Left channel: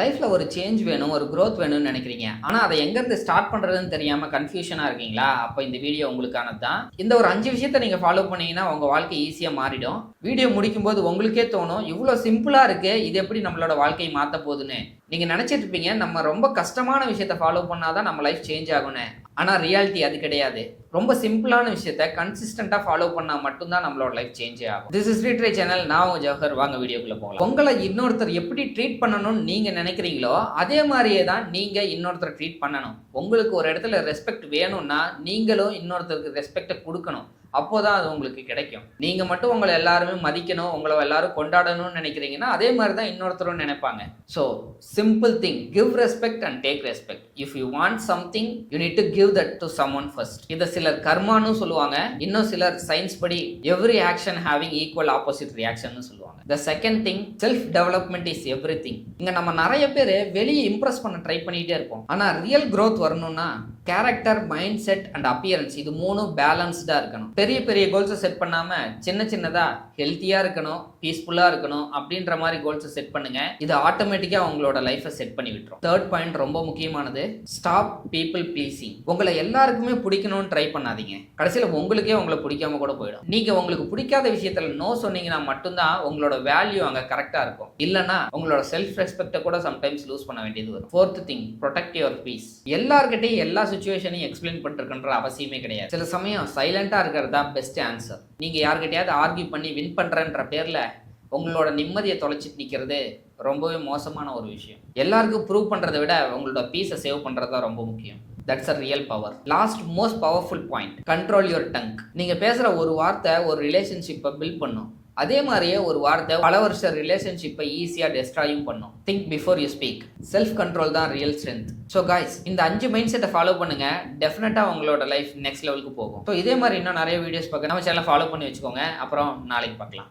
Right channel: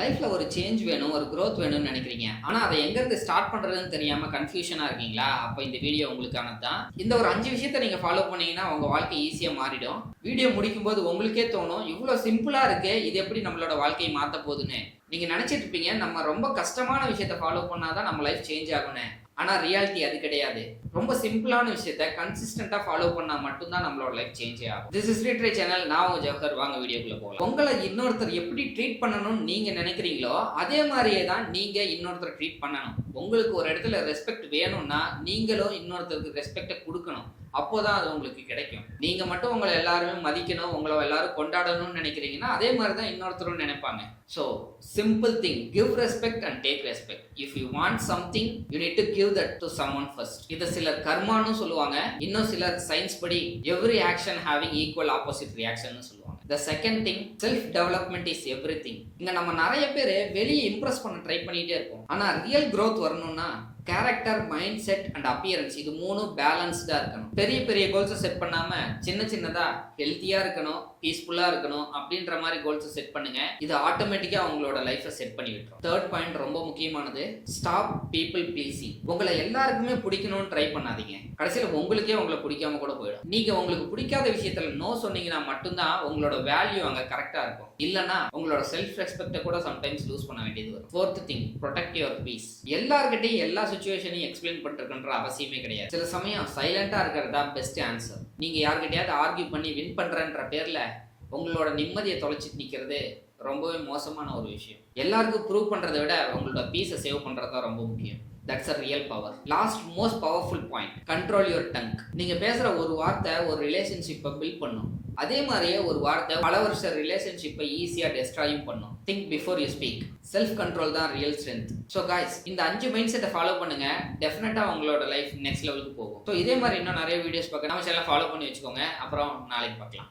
லைஃப்ல ஒரு சேஞ்ச் வேணும், ஒரு growth வேணும்னு நினைக்கிறீங்க. ஆனா அத எங்கருந்து ஸ்டார்ட் பண்றதுன்னு தெரியாம கன்ஃப்யூஷனா இருக்கீங்களா? அப்ப இந்த வீடியோ உங்களுக்கானது தான். இந்த ஒரு 5 விஷயத்த நீங்க ஃபாலோ பண்ணீங்கன்னா உங்க வாழ்க்கை ஈஸியா மாறிடும். வீடியோ முடிக்கும்போது உங்களுக்கே தோணும், இவ்ளோ சிம்பிளா இருக்கே, இது எப்படி நம்மளோட வாழ்க்கைய மாத்தப் போகுதுன்னு. நீங்க நினைச்சிட்டு இருப்பீங்க, நம்ம ரொம்ப கஷ்டமான விஷயத்த ஃபாலோ பண்ணா தான் நம்ம லைஃப் சேஞ்ச் ஆகும்னு. ஆனா ரியாலிட்டி அது கிடையாது. ரொம்ப சிம்பிளான விஷயத்த கன்சிஸ்டன்ட்டா ஃபாலோ பண்ணா மட்டும் தான் நம்மளோட லைஃப் சேஞ்சே ஆகும். This is retry channel. நான் உங்க ஜவஹர். வாங்க வீடியோக்குள்ள போகலாம். உங்கள இன்னொருத்தர் எப்படி ட்ரீட் பண்ணணும்னு நீங்க நினைக்கிறீங்களோ, அதே மாரியே தான் நீங்க இன்னொருத்தர ட்ரீட் பண்ணணும். உங்களுக்கு ஒரு இடத்துல ரெஸ்பெக்ட் வேணும்னா, நீங்களும் இன்னொருத்தருக்கு ரெஸ்பெக்ட்ட குடுக்கணும். அப்போதான் அது உங்களுக்கு கிடைக்கும். நீங்க மட்டும் உங்கள எல்லாருமே மதிக்கணும், உங்கள எல்லாரும் கொண்டாடணும்னு நினைக்கிறீங்கன்னா, அதே மாரி தான் இன்னொருத்தரும் நினைப்பாங்க. So simple thing, give respect and take respect. If you want something, you need to give that to someone first. இத சிலர் கர்மான்னு சொல்லுவாங்க. இன்னும் சிலர் சயின்ஸ் படி every action having equal opposite ரியாக்ஷன்னு சொல்லுவாங்க. The second thing, self development is everything. இங்க நம்ம நிறைய பேர் வெளியே இம்ப்ரெஸ் பண்ண ட்ரை பண்ணிட்டே இருப்போம். ஆனா ரியல் growth வரணும்னா character, mind set and appearance இது மூணும் பேலன்ஸ்டா இருக்கணும். பெரிய பெரிய கோல்ஸை செட் பண்ணாம சின்ன சின்னதா ஹெல்த்தியா இருக்கணும், பீஸ்ஃபுல்லா இருக்கணும் அப்படின்ற மாதிரி கோல்ஸை செட் பண்ணுங்க. இது ஆட்டோமேட்டிக்கா உங்களோட லைஃபை செட் பண்ணி விட்டுரும். தேர்ட் பாயிண்ட் ரொம்ப முக்கியமானது, ஸ்டாப் பீப்புள் ப்ளீசிங். உங்களை எல்லாருக்குமே பிடிக்கணும்னு ட்ரை பண்ணாதீங்க. கடைசியில உங்களுக்கே உங்களை பிடிக்காம கூட போயிடும். நீங்க உங்களுக்கு பிடிக்காத விஷயத்துல நோ சொன்னீங்கன்னா மட்டும்தான் உங்களோட வேல்யூ அங்க கரெக்டா இருக்கும். இல்லனா உங்களோட செல்ஃப் ரெஸ்பெக்ட கூட சம்டைம்ஸ் லூஸ் பண்ண வேண்டியது வரும். Fourth thing, protect your peace. எல்லார்கிட்டையும் எல்லா சிச்சுவேஷனையும் எக்ஸ்பிளைன் பண்ணிருக்கின்ற அவசியமே கிடையாது. சில சமயம் சைலண்டா இருக்கிறது தான் பெஸ்ட் ஆன்சர். நீங்க யார்கிட்டயாவது ஆர்கியூ பண்ணி வின் பண்றன்ற பேர்ல உங்களோட நிம்மதியை தொலைச்சிட்டு நிக்கிறது ரொம்பவே மோசமான ஒரு விஷயம். எல்லாருக்கும் ப்ரூவ் பண்றதை விட உங்களோட பீஸை சேவ் பண்றது தான் ரொம்ப முக்கியம். That's a real power. Last most powerful point, control your tongue. நீங்க பேசுற ஒரு வார்த்தை ஒரு ரிலேஷன்ஷிப்பை பில்ட் பண்ணும். அதே மாதிரியே ஒரு வார்த்தை பல வருஷ ரிலேஷன்ஷிப்பை ஈஸியா டெஸ்ட்ராயும் பண்ணும். Think before you speak. Self control தான் ரியல் ஸ்ட்ரென்த். ஸோ காய்ஸ், இந்த 5 மைண்ட் செட்டை ஃபாலோ பண்ணுங்க. டெஃபினட்டா உங்களோட லைஃப் நெக்ஸ்ட் லெவலுக்கு போகும். ஸோ இதே மாதிரி இன்னும் நிறைய வீடியோஸ் பார்க்க நம்ம சேனலை ஃபாலோ பண்ணி வச்சுக்கோங்க. அப்புறம் நாளைக்கு பார்க்கலாம்.